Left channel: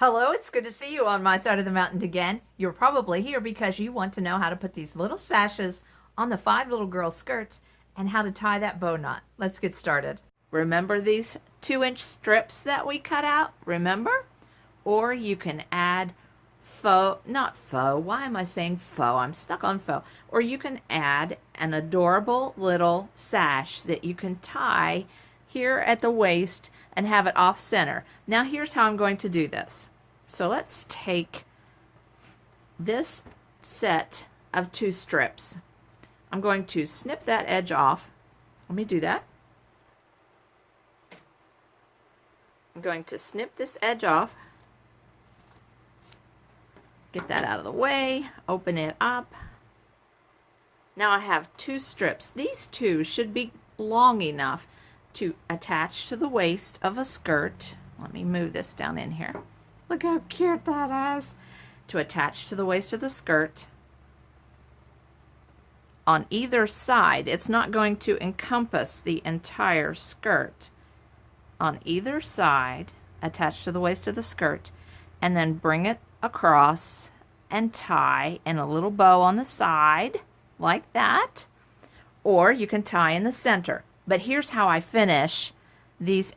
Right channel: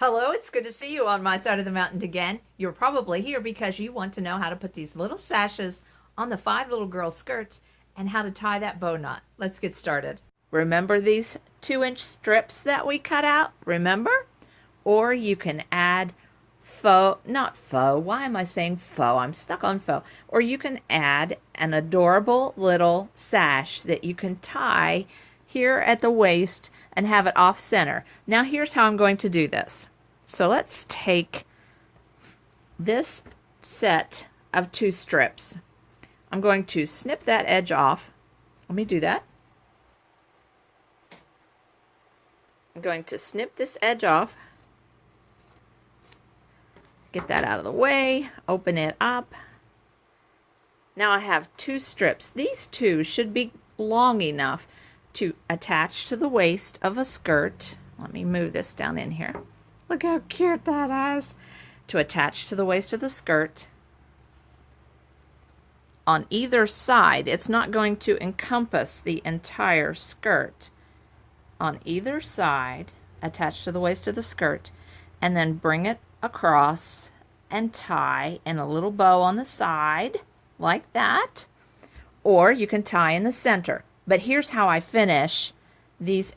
Hello, it's good to see you on my side of the mountain again. You're probably here because you want to know how to put these little sashes on the 5 little girl skirts and how to tie that bow knot. Let's get started. Remember these 2-inch strips that we cut out? Remember? Or you can add not faux, why am I saying faux? I'm stuck on faux. Or you can add an adorable little sash that you can tie here at the waist and have it off center. Now here's how I'm going to do this. So let's take this set of 2 strips. I'm going to snip that edge off. Let me do that. I'm going to snip this edge off. Get that out of the way. Open it up. Now I have 2 strips. These 2 should be long enough to attach to the waist of a skirt. Let me move this down in here. Look how cute that is. To attach to the waist of the skirt. On either side, it's not going to encompass the entire skirt. On either side, attach to the waist of the skirt, and then bring it across and tie in a little bow on the side, like that. Or you can tie in the center. But here's how I finish these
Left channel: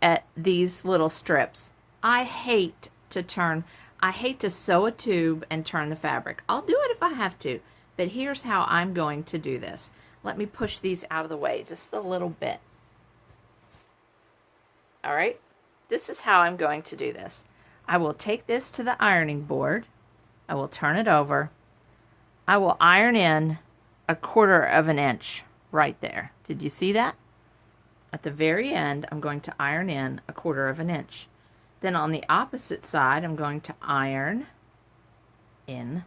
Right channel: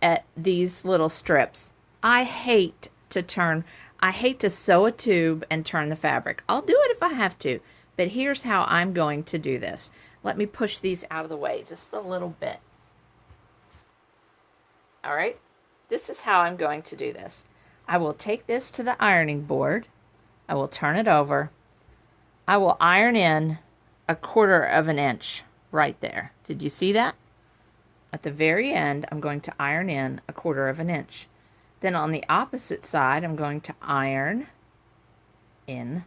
little strips. I hate to sew a tube and turn the fabric. I'll do it if I have to, but here's how I'm going to do this. Let me push these out of the way just a little bit. All right, this is how I'm going to do this. I will take this to the ironing board. I will turn it over. I will iron in 1/4 inch right there. Did you see that? At the very end, I'm going to iron in 1/4 inch. Then on the opposite side, I'm going to iron in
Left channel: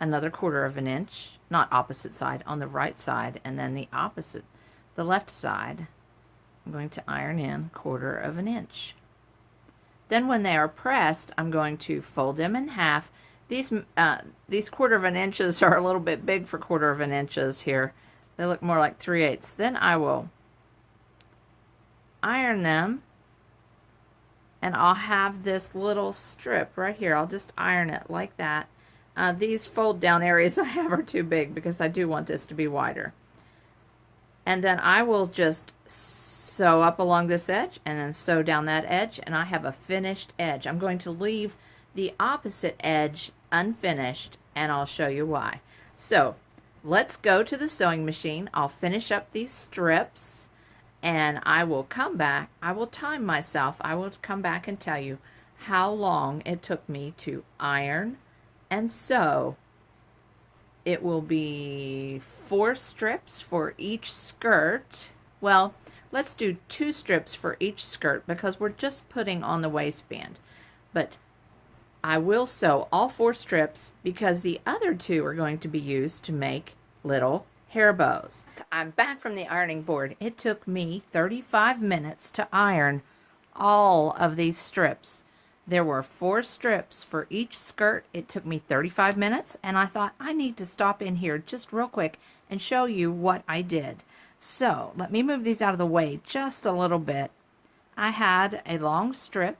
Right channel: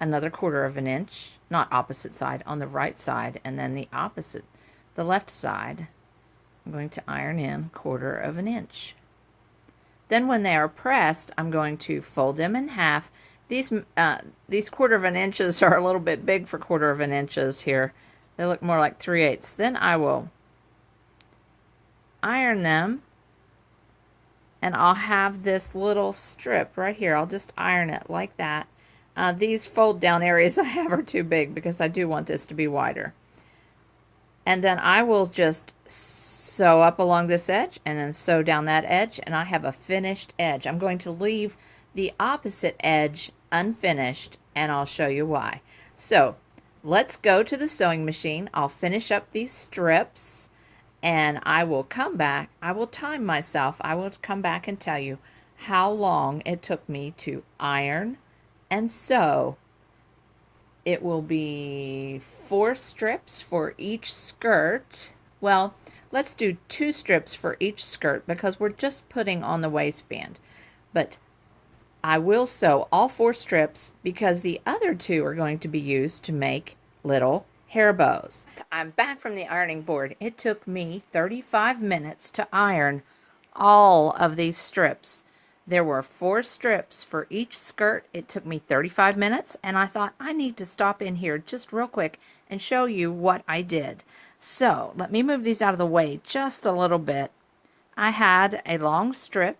another 1/4 inch. Not opposite side, on the right side, and then the left side, I'm going to iron in 1/4 inch. Then when they are pressed, I'm going to fold them in half. These 1/4 inches are a little bit big for 1/4 inches here. They look more like 3/8. Then I will iron them, and I'll have this little strip right here. I'll just iron it like that. These fold down areas I have are too big because I do want this to be wider. And then I will just sew up along this edge and then sew down that edge, and I have a finished edge. I'm going to leave the opposite edge unfinished, and I'll show you why. So let's go to the sewing machine. I'll finish up these strips, and I will come back. I will time myself. I will come back and tell you how long it took me to iron and sew. It will be 4 strips for each skirt. Well, let's do 2 strips for each skirt because we're just putting on the waistband. But I will sew all 4 strips because the other 2 are going to be used to make little hair bows. I'm back from the ironing board. It took me 35 minutes to iron all of these strips. There were 4 strips for each skirt. It took me 35 minutes, and I thought I need to stop in here just real quick and show you what I did. So let me move these out of the way just a little bit. I had a long strip.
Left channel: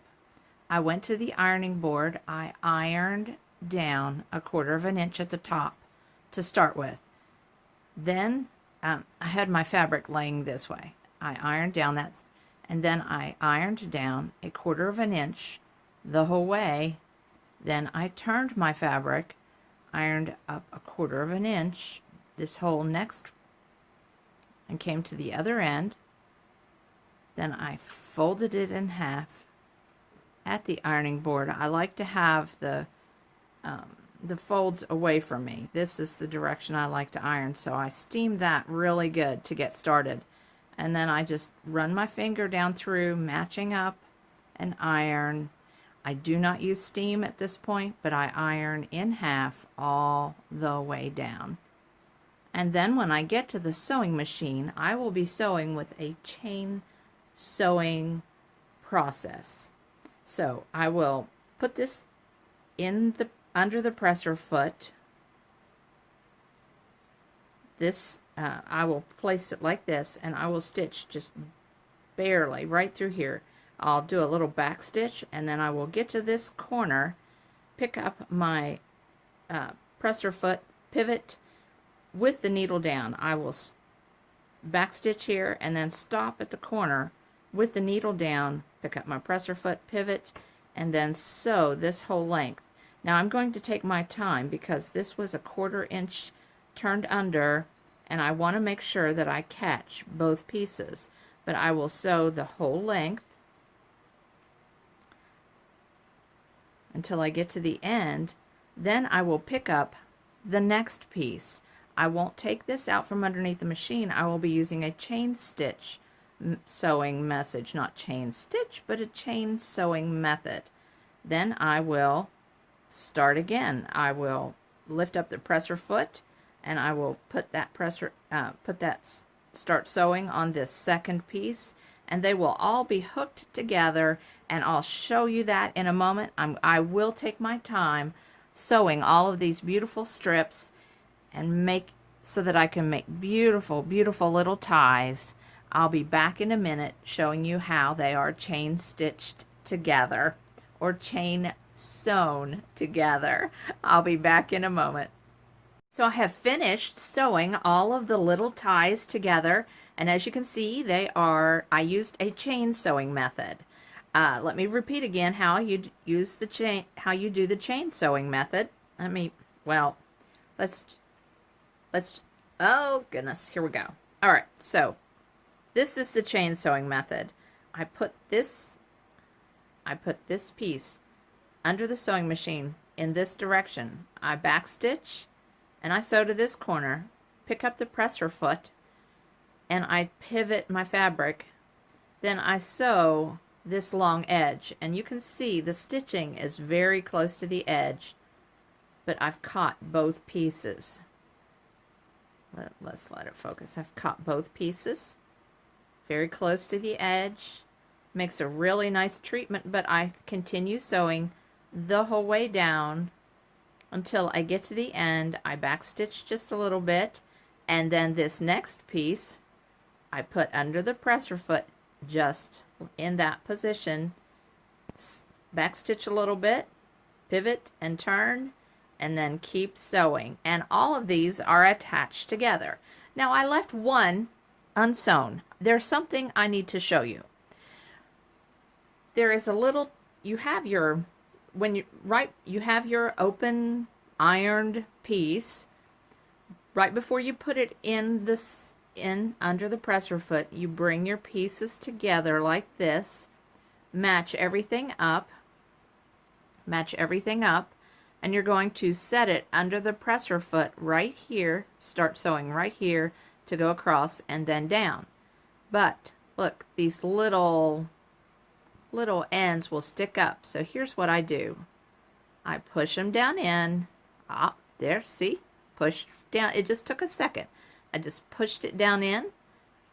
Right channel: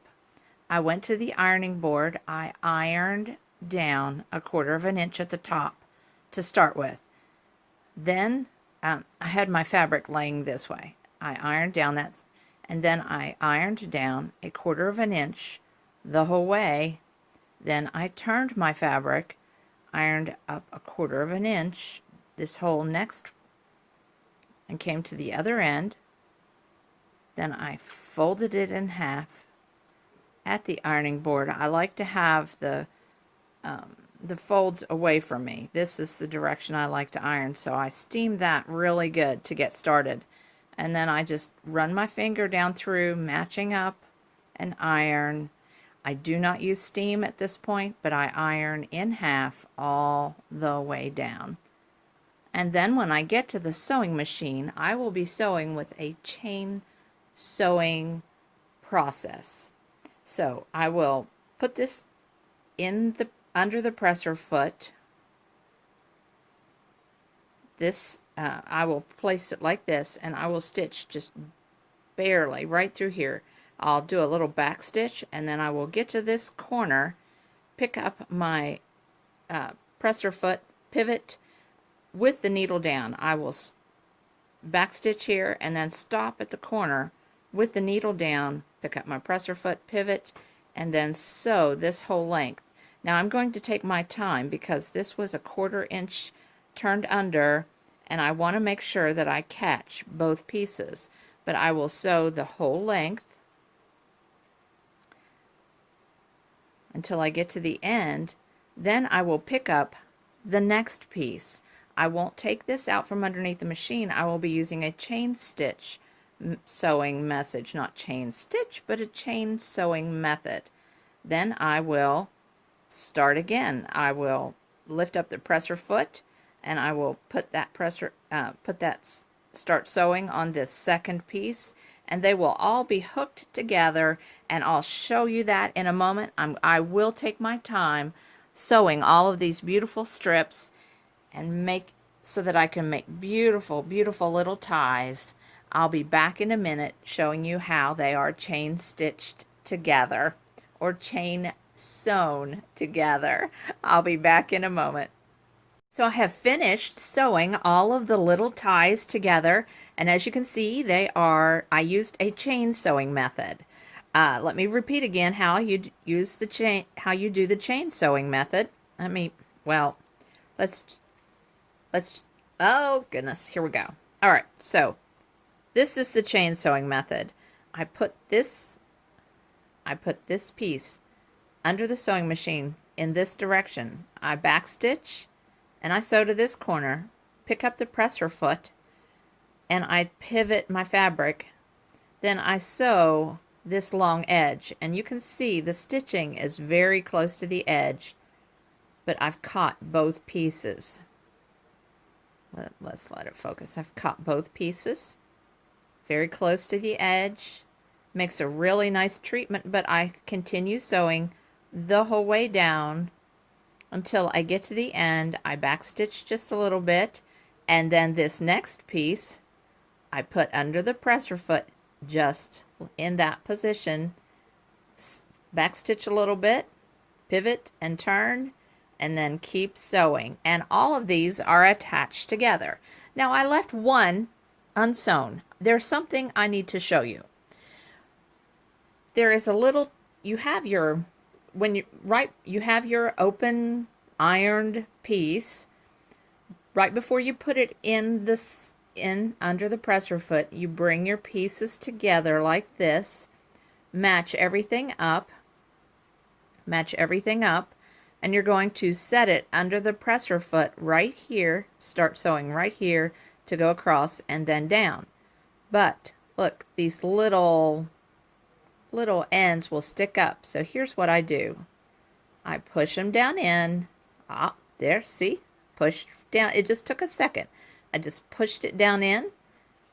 I went to the ironing board. I ironed down 1/4 inch at the top to start with. Then I had my fabric laying this way. I ironed down that, and then I ironed down 1/4 inch the whole way. Then I turned my fabric, ironed up 1/4 inch this whole next, and came to the other end. Then I folded it in half at the ironing board. I like to have the folds away from me. This is the direction I like to iron, so I steam that really good to get started. And then I just run my finger down through, matching up, and iron. I do not use steam at this point, but I iron in half all the way down. And then when I get to the sewing machine, I will be sewing with a chain sewing process. So I will put this in under the presser foot. I will place it like this, and I will stitch just barely right through here. I'll do a little back stitch, and then I will get to this corner pick up my presser foot pivot with the needle down. I will back stitch here and then stop at the corner with the needle down, pick up my presser foot pivot, and then sew this whole length. Now I'm going to take my time because this was a 1/4 inch turned under, and I want to make sure that I catch both pieces. But I will sew the whole length until I get to the end. Then I will pick up the next piece. I won't take this out from underneath the machine. I will be using a chain stitch sewing message, not chain stitch, but a chain sewing method. Then I will start again. I will lift up the presser foot, and I will put that start sewing on this second piece, and they will all be hooked together, and I'll show you that in a moment. I will take my time sewing all of these beautiful strips and make so that I can make beautiful, beautiful little ties. I'll be back in a minute showing you how they are chain stitched together or chain sewn together. I'll be back in a moment. So I have finished sewing all of the little ties together, and as you can see, I used a chain sewing method. Let me repeat again how you use the chain, how you do the chain sewing method. Let's, oh goodness, here we go. All right, so this is the chain sewing method. I put this piece under the sewing machine in this direction. I back stitch, and I sew to this corner, pick up the presser foot, and I pivot my fabric. Then I sew this long edge, and you can see the stitching is very close to the edge, but I've caught both pieces. Let's let it focus. I've caught both pieces very close to the edge. Makes a really nice treatment, but I continue sewing the whole way down until I get to the end. I back stitch just a little bit, and then this next piece I put under the presser foot just in that position, back stitch a little bit, pivot and turn, and then keep sewing. And all of these are attached together. Now I left one unsewn. There's something I need to show you. There is a little, you have your open ironed piece. Right before you put it in under the presser foot, you bring your pieces together like this, match everything up, and you're going to set it under the presser foot right here, start sewing right here to go across and then down. But look, these little ends will stick up. So here's what I do. I push them down in. There, see? Pushed down. It just took a second. I just pushed it down in,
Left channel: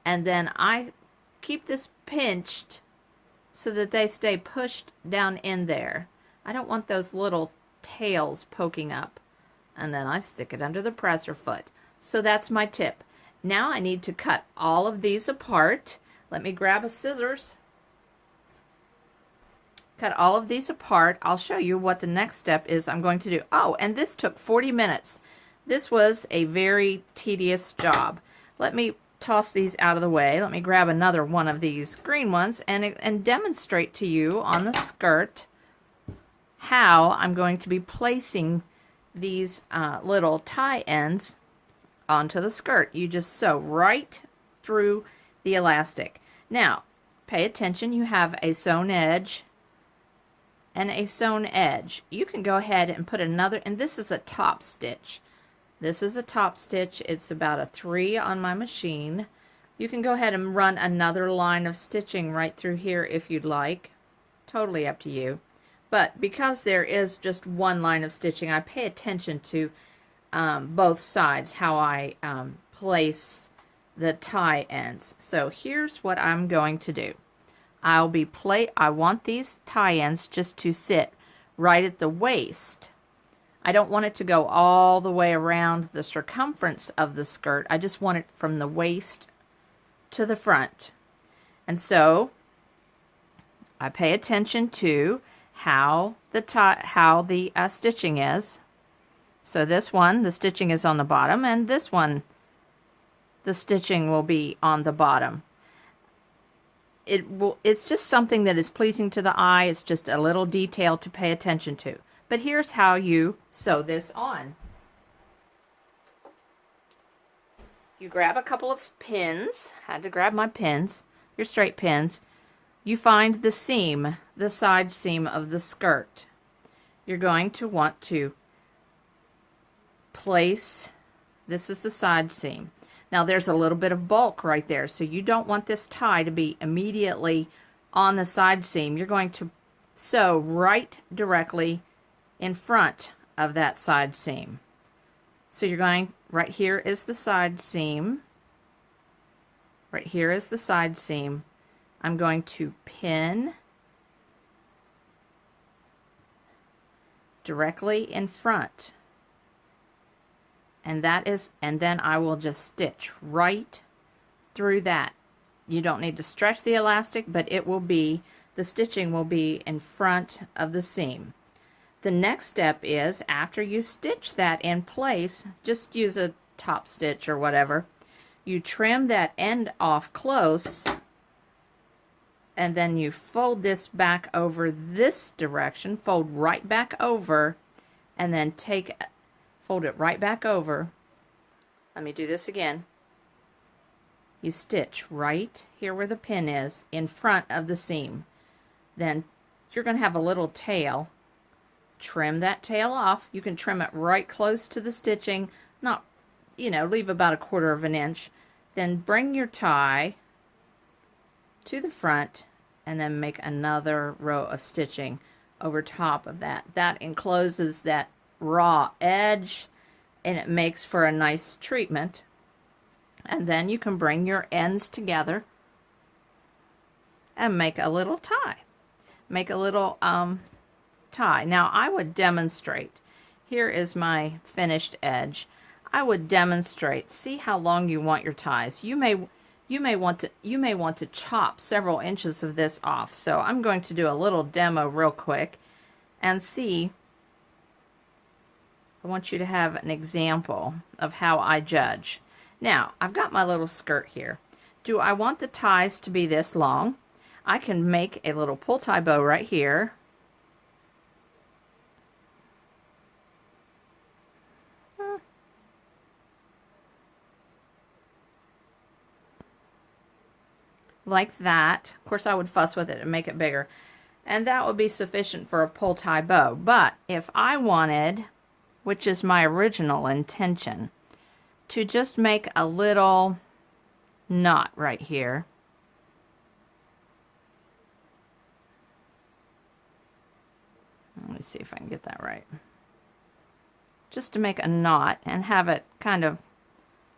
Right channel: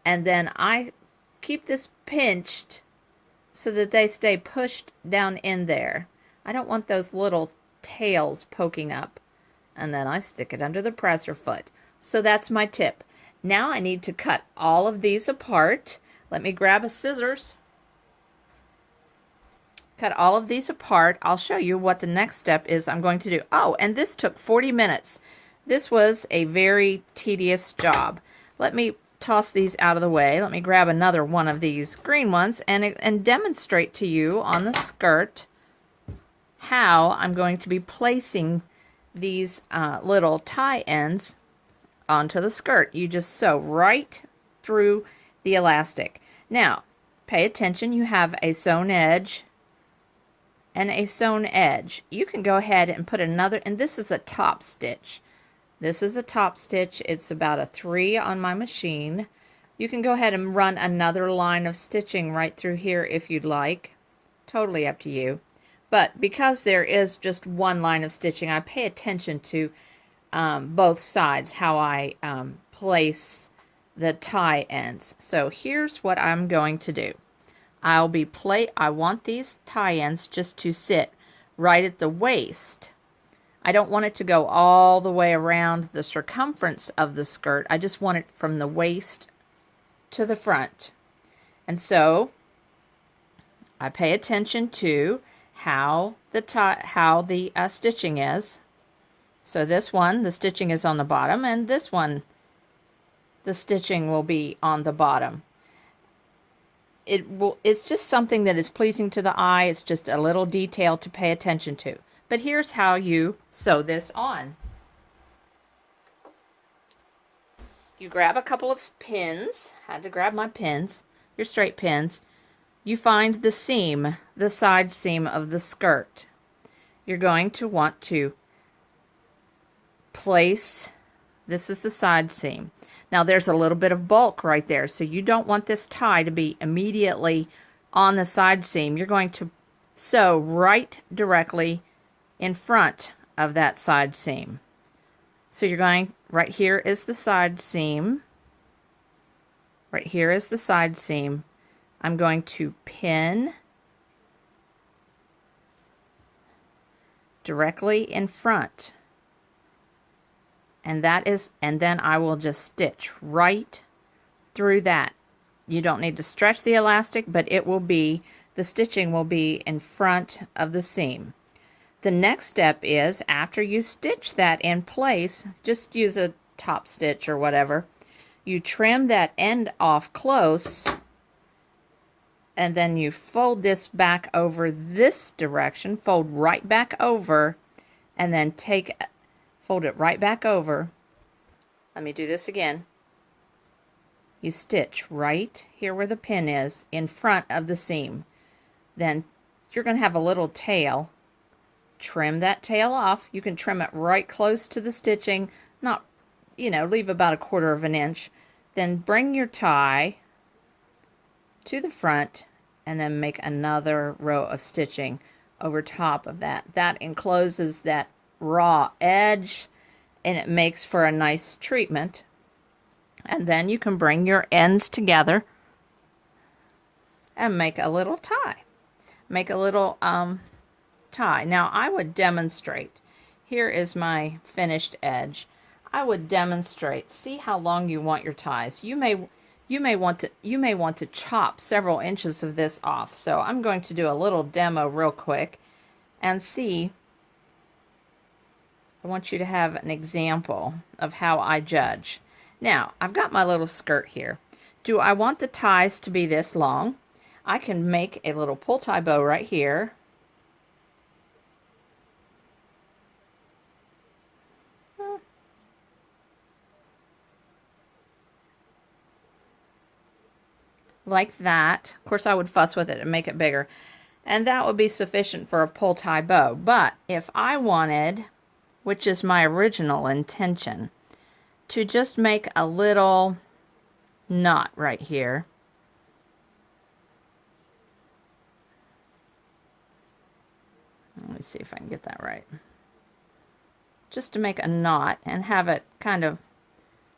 and then I keep this pinched so that they stay pushed down in there. I don't want those little tails poking up. And then I stick it under the presser foot. So that's my tip. Now I need to cut all of these apart. Let me grab a scissors. Cut all of these apart. I'll show you what the next step is I'm going to do. Oh, and this took 40 minutes. This was a very tedious job. Let me toss these out of the way. Let me grab another one of these green ones and demonstrate to you on the skirt how I'm going to be placing these little tie ends onto the skirt. You just sew right through the elastic. Now, pay attention. You have a sewn edge and a sewn edge. You can go ahead and put another, and this is a top stitch. This is a top stitch. It's about a 3 on my machine. You can go ahead and run another line of stitching right through here if you'd like. Totally up to you. But because there is just one line of stitching, I pay attention to both sides, how I place the tie ends. So here's what I'm going to do. I want these tie ends just to sit right at the waist. I don't want it to go all the way around the circumference of the skirt. I just want it from the waist to the front. And so I pay attention to how the how the stitching is. So this one, the stitching is on the bottom, and this one, the stitching will be on the bottom. It's just something that is pleasing to the eye. It's just a little detail to pay attention to. But here's how you sew this on. You grab a couple of pins. Had to grab my pins, your straight pins. You find the seam, the side seam of the skirt. You're going to want to place, this is the side seam. Now there's a little bit of bulk right there, so you don't want this tie to be immediately on the side seam. You're going to sew right directly in front of that side seam. So you're going, right here is the side seam. Right here is the side seam. I'm going to pin directly in front. And then I will just stitch right through that. You don't need to stretch the elastic, but the stitching will be in front of the seam. The next step is, after you stitch that in place, just use a top stitch or whatever, you trim that end off close, and then you fold this back over this direction, fold right back over, and then fold it right back over. Let me do this again. You stitch right here where the pin is in front of the seam. Then you're going to have a little tail. Trim that tail off. You can trim it right close to the stitching, not, leave about 1/4 of an inch. Then bring your tie to the front and then make another row of stitching over top of that. That encloses that raw edge, and it makes for a nice treatment. And then you can bring your ends together and make a little tie. Make a little tie. Now I would demonstrate. Here is my finished edge. I would demonstrate. See how long you want your ties. You may want to chop several inches of this off. So I'm going to do a little demo real quick and see. I want you to have an example of how I judge. Now, I've got my little skirt here. Do I want the ties to be this long? I can make a little pull tie bow right here. Like that. Of course, I would fuss with it and make it bigger. And that would be sufficient for a pull tie bow. But if I wanted, which is my original intention, to just make a little knot right here. Let me see if I can get that right. Just to make a knot and have it kind of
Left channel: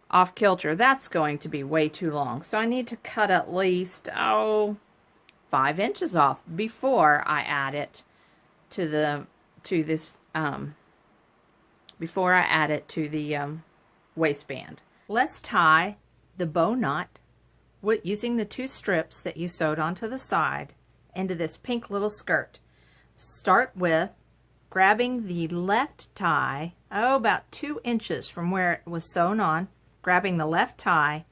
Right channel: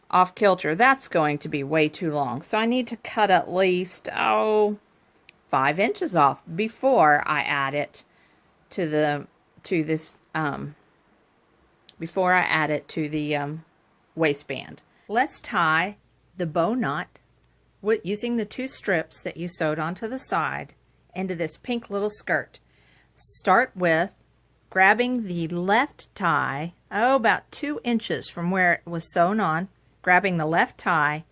off kilter. That's going to be way too long. So I need to cut at least, 5 inches off before I add it to the waistband. Let's tie the bow knot using the 2 strips that you sewed onto the side into this pink little skirt. Start with grabbing the left tie, about 2 inches from where it was sewn on, grabbing the left tie,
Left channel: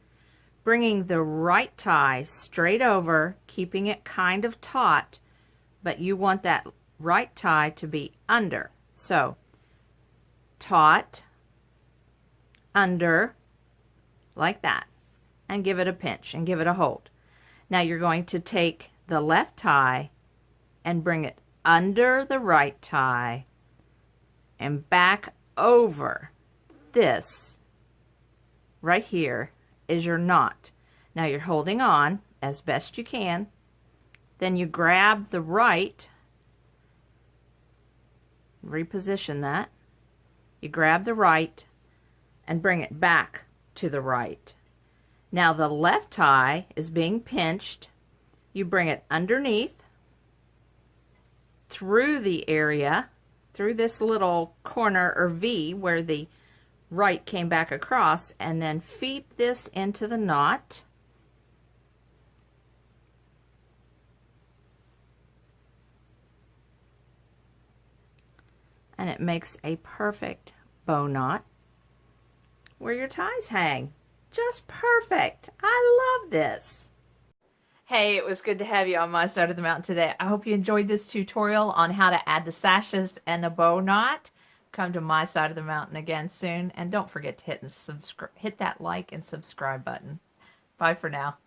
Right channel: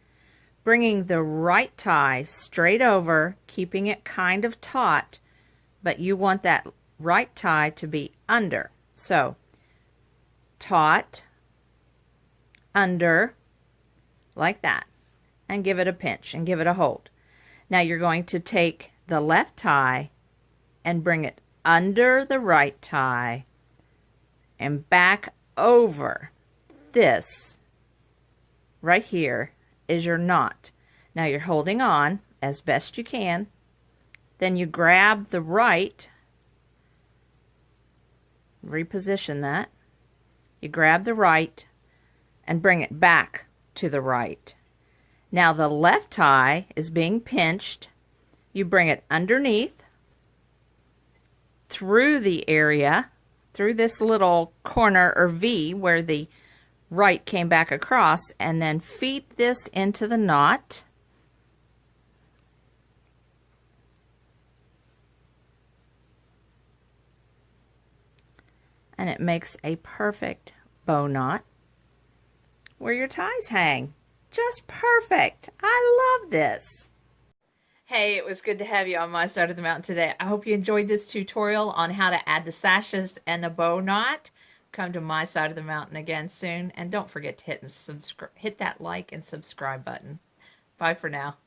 bringing the right tie straight over, keeping it kind of taut, but you want that right tie to be under. So, taut, under, like that, and give it a pinch and give it a hold. Now you're going to take the left tie and bring it under the right tie and back over. This right here is your knot. Now you're holding on as best you can. Then you grab the right, reposition that. You grab the right and bring it back to the right. Now the left tie is being pinched. You bring it underneath, through the area, through this little corner or V where the right came back across, and then feed this into the knot. And it makes a perfect bow knot where your ties hang. Just perfect. I love this. Hey, it was good to have you on my side of the mountain today. I hope you enjoyed this tutorial on how to add the sashes and the bow knot. Come to my side of the mountain again soon. And don't forget to hit that like and subscribe button. Bye for now.